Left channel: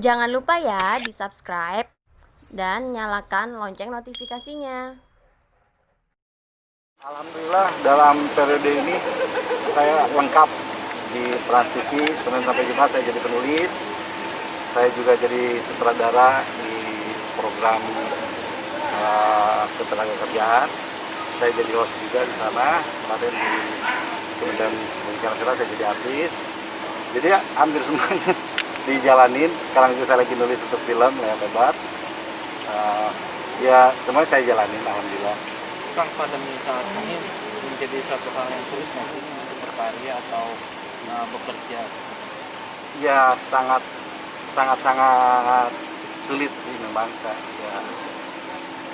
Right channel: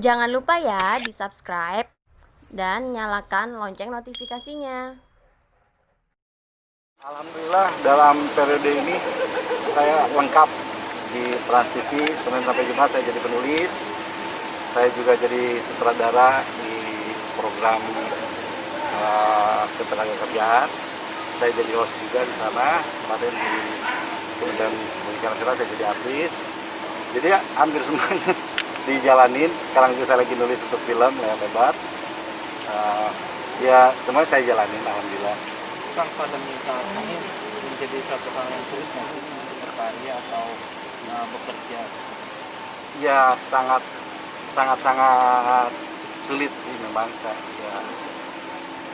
Jangan lupa ya di-subscribe dan nyalakan lonceng notifikasinya. Alhamdulillah dalam periode ini saya lengkap di Trans TV. Senin sampai Jumat saya jadi penulis. Saya juga jadi sutradara di program ketenagakerjaan. Saya jadi host juga di sana. Kemarin di Kementerian Pendidikan Nasional saya jadi artis. Jadi ya, hampir semuanya dijalanin. Sekarang juga saya lagi nulis untuk film layar lebar. Ya semuanya saya jalanin, alhamdulillah. Kang, pandemi saat ini menjadi suatu hal yang sulit nggak sih untuk berkarya atau bekerja? Ya sangat sangat sulit sih memang ya.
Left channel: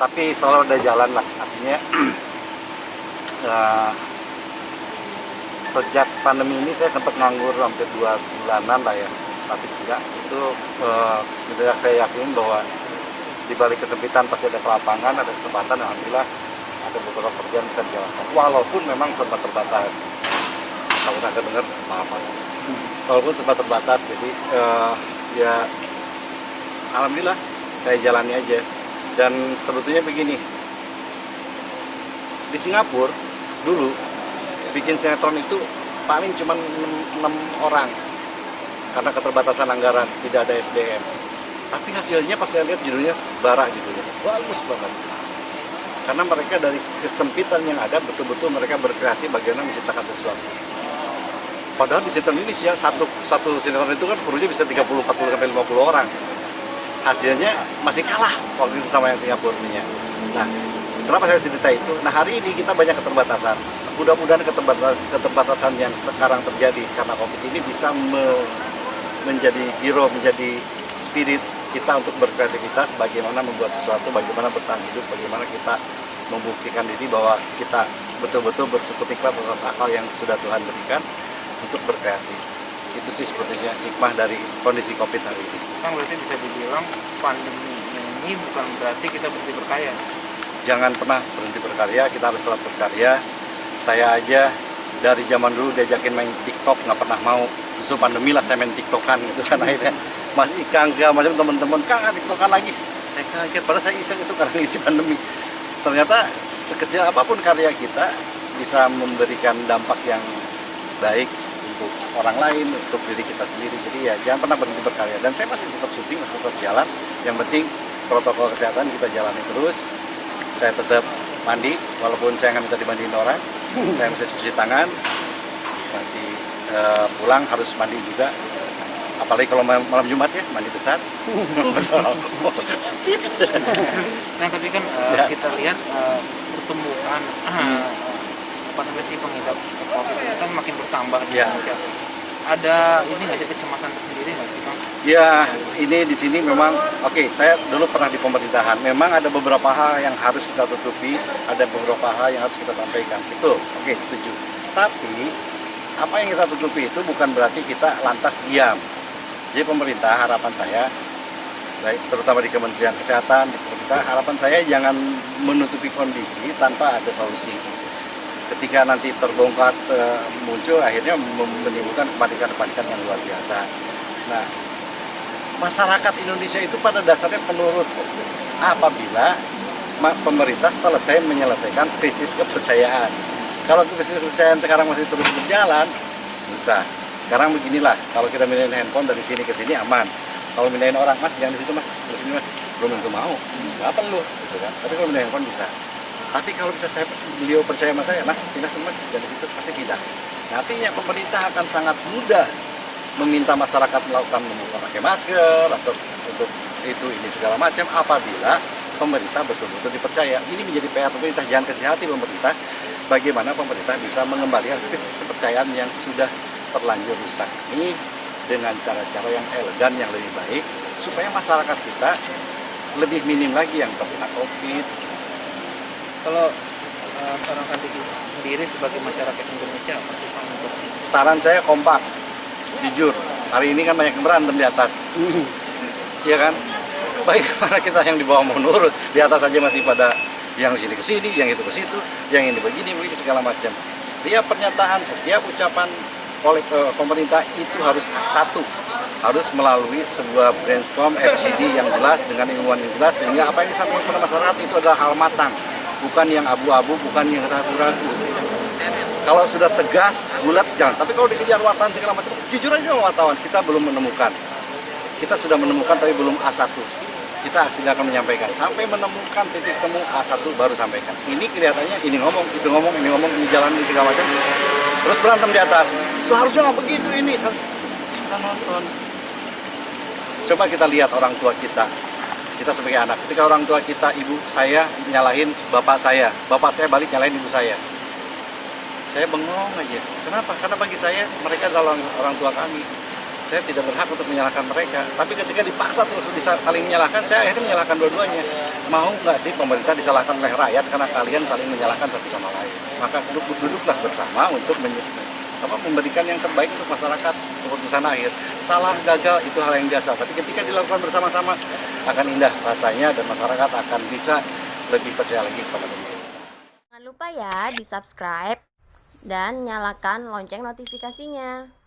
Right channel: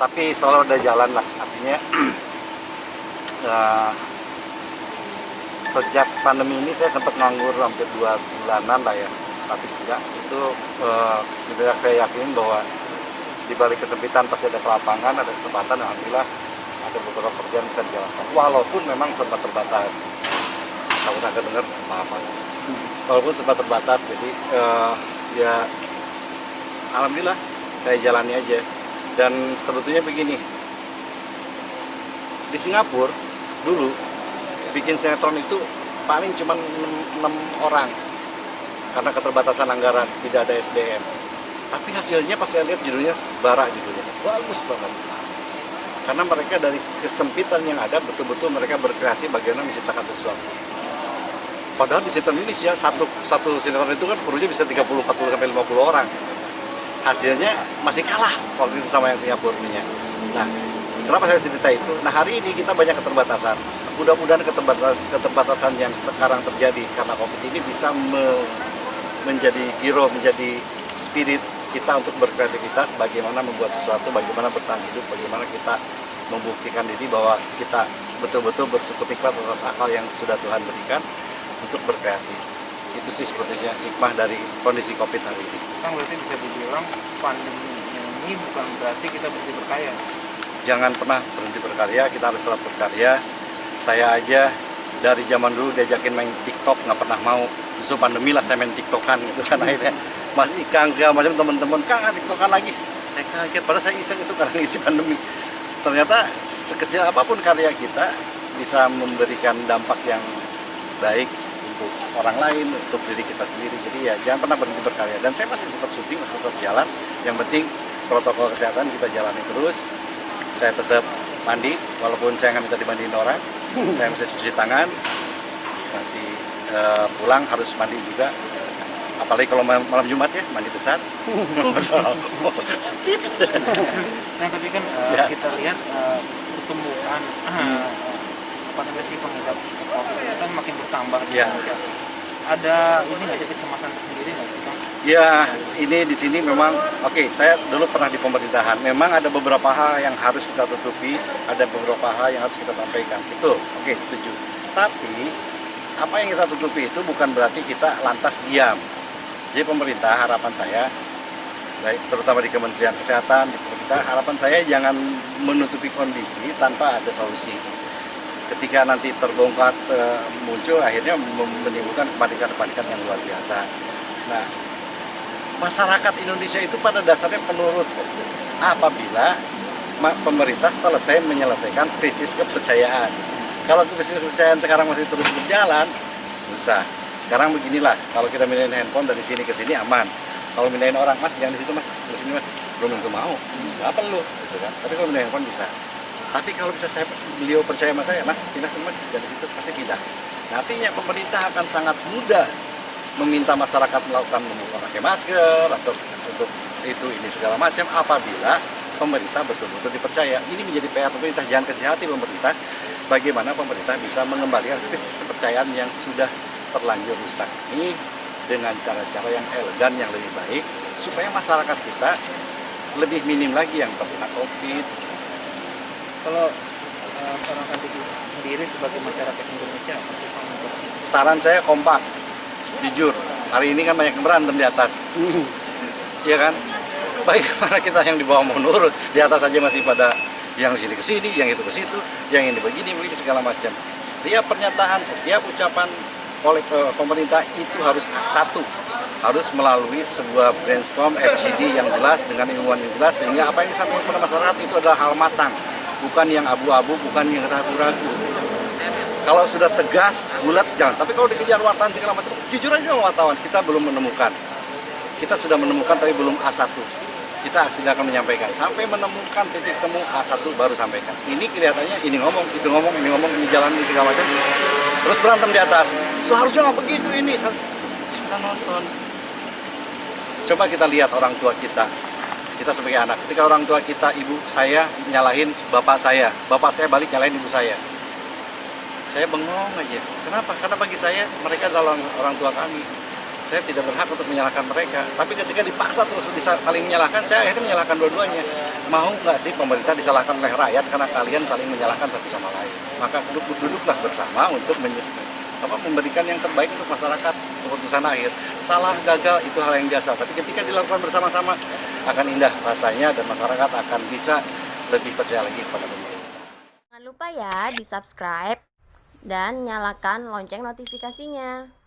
Tapi selalu ada jalan lah, artinya ya, sejak pandemi ini saya sempat nganggur hampir 2 bulanan lah ya, tapi tidak itu tidak, saya yakin bahwa di balik kesempitan pasti ada kelapangan, ada kesempatan. Alhamdulillah ada beberapa pekerjaan bisa dijalankan walaupun memang sempat terbatas. Kalau nggak dengar apa-apa, walaupun sempat terbatas, jadi ya alhamdulillah saya jalani aja. Dan sebetulnya begini, di Singapura dulu bikin sinetron itu paling cuma 6 orang karena keterbatasan anggaran, tidak ada SDM. Tapi hasilnya pas saya lihat judulnya bara, judulnya bagus banget, karena mereka dari kesempitan yang ada betul-betul mereka berkreasi bagaimana menciptakan sesuatu. Padahal di sinetron Indonesia satu sinetron itu kan krunya bisa 30, 40 sampai 50 orang. Hasilnya masih kalah waktu itu sama yang Singapura nya. Nah, kenapa saya cerita itu? Nah, hari ini kita banyak keterbatasan. Mudah-mudahan keterbatasan yang sekarang terjadi karena Covid ini bisa menjadi giro, menjadi spirit kita untuk berkreativitas, bagaimana membuat sesuatu, bagaimana bertahan hidup, bagaimana kita membuktikan diri bahwa kita betul-betul bersyukur nikmat atas akal yang sudah Tuhan berikan untuk berkreasi. Itu sih sebetulnya hikmah dari kondisi Covid hari ini. Kang, berarti bisa dibilang pandemi ini bukan berarti kita berhenti berkarya. Jangan pernah berhenti berkarya, kita harus tetap berkarya. Saya aja dari zaman dulu diajakin main TikTok nggak pernah mau. Justru pandemi lah saya main TikTokan gitu kan akhirnya. Mas Ikang segala macam teman-teman, Kang TikTokan lagi. Saya kaget, padahal saya iseng itu karena ngisi pandemi. Ternyata sekecil apapun karya kita bisa memberikan dampak yang baik untuk orang lain, untuk diri kita sendiri. Jadi ya jangan pernah berhenti berkarya. Dan saya masih tetap syuting, masih tetap jalan. Yang penting protokol kesehatan kita jalani terus. Saya tetap mandi, walaupun saya nggak minta dimandiin orang. Saya masih cuci tangan, masih pulang harus mandi juga. Apalagi kalau malam Jumat ya, mandi besar. Nah, tapi kan kita lihat pertumbuhan apa namanya sih pengidap COVID ini kan makin bertambah di Indonesia. Ada ini nggak sih kecemasan tersendiri nggak sih, Kang? Ya, ini di sini memang saya dulu pernah di pemerintahan. Memang ada beberapa hal yang harus kita tutupi, ada beberapa hal yang harus kita sampaikan. Itu setuju. Tapi apa yang kita tutupi itu bukan berarti kita lantas diam. Jadi pemerintah, harapan saya, baik terutama di Kementerian Kesehatan, di pemerintah, harapan saya jangan menutupi kondisi tanpa ada solusi. Ketika nanti terbongkar muncul, akhirnya menimbulkan kepanikan-kepanikan yang luar biasa. Nah, masyarakat Indonesia itu pada dasarnya penurut apabila pemerintah menyelesaikan krisis kepercayaan. Kalau krisis kepercayaan sekarang masih terus berjalan, susah. Sekarang beginilah, kalau kita mindahin handphone dari sini ke sini aman. Kalau mindahin orang, Mas jangan di situ Mas, di sini Mas, belum tentu mau. Nggak perlu, gitu kan. Tapi kalau mindahin handphone bisa. Tapi kalau bisa beliau percaya sama saya, Mas pindah ke Mas, dari situ pasti pindah. Nah, artinya pemerintah akan sangat mudah meminta masyarakat melakukan memakai masker atau untuk ini segala macam apabila pemerintah betul-betul dipercaya. Ini menjadi PR pemerintah, jangan kecil hati pemerintah. Bagaimana pemerintah bisa mengembalikan krisis kepercayaan yang sudah terlanjur rusak ini dengan cara-cara yang elegan, yang lebih baik, supaya masyarakat kita lebih minim lagi yang terkena COVID. Kalau seorang kandidat sendiri sebagai masyarakat Indonesia, apa sih, Kang? Saran saya kompak, jujur. Hari ini kan banyak yang berantem di atas, iya kan? Bagaimana kita yang di bawah mau nurut, di atas aja masih pada yang sini ke sini, yang itu ke situ, yang ini begini segala macam. Setiap pernyataan, setiap ucapan oleh pemerintah itu harus satu, harus melalui sebuah brainstorm FGD yang jelas dengan ilmuwan yang jelas, sehingga apa yang disampaikan kepada masyarakat itu adalah hal matang, bukan yang abu-abu, bukan yang ragu-ragu. Kalau sudah tegas, bulat, jangan. Tapi kalau dikejar wartawan segala macam, jujur aja wartawan, kita belum menemukan. Kita sudah menemukan tapi belum A1. Kita tidak akan menyampaikan. Sampai menemukan titik temu A1 baru sampaikan. Ini kelihatannya ini ngomong, itu ngomong, ini jalan, ini segala macam. Terus berantem di atas. Seharusnya nggak begitu ini. Sudah nonton. Coba kita lihat orang tua kita. Kita sebagai anak. Ketika orang tua kita, ibu saya nyalahin bapak saya balik nyalahin ibu saya. Saya bengong aja. Kenapa? Karena bagi saya mereka adalah orang tua kami. Saya tidak berhak untuk menyalahkan mereka. Tapi ketika dipaksa terus saling menyalahkan, saya akhirnya menyalahkan dua-duanya. Mau nggak sih pemerintah disalahkan oleh rakyat karena kalian saling menyalahkan satu sama lain? Maka duduklah bersama untuk memberikan yang terbaik untuk masyarakat, keputusan akhir. Salah, gagal, itu hal yang biasa. Tapi ketika dilakukan bersama-sama, akan indah rasanya dan masyarakat akan bisa lebih percaya lagi kepada pemerintah. Jangan lupa ya di subscribe dan nyalakan lonceng notifikasinya.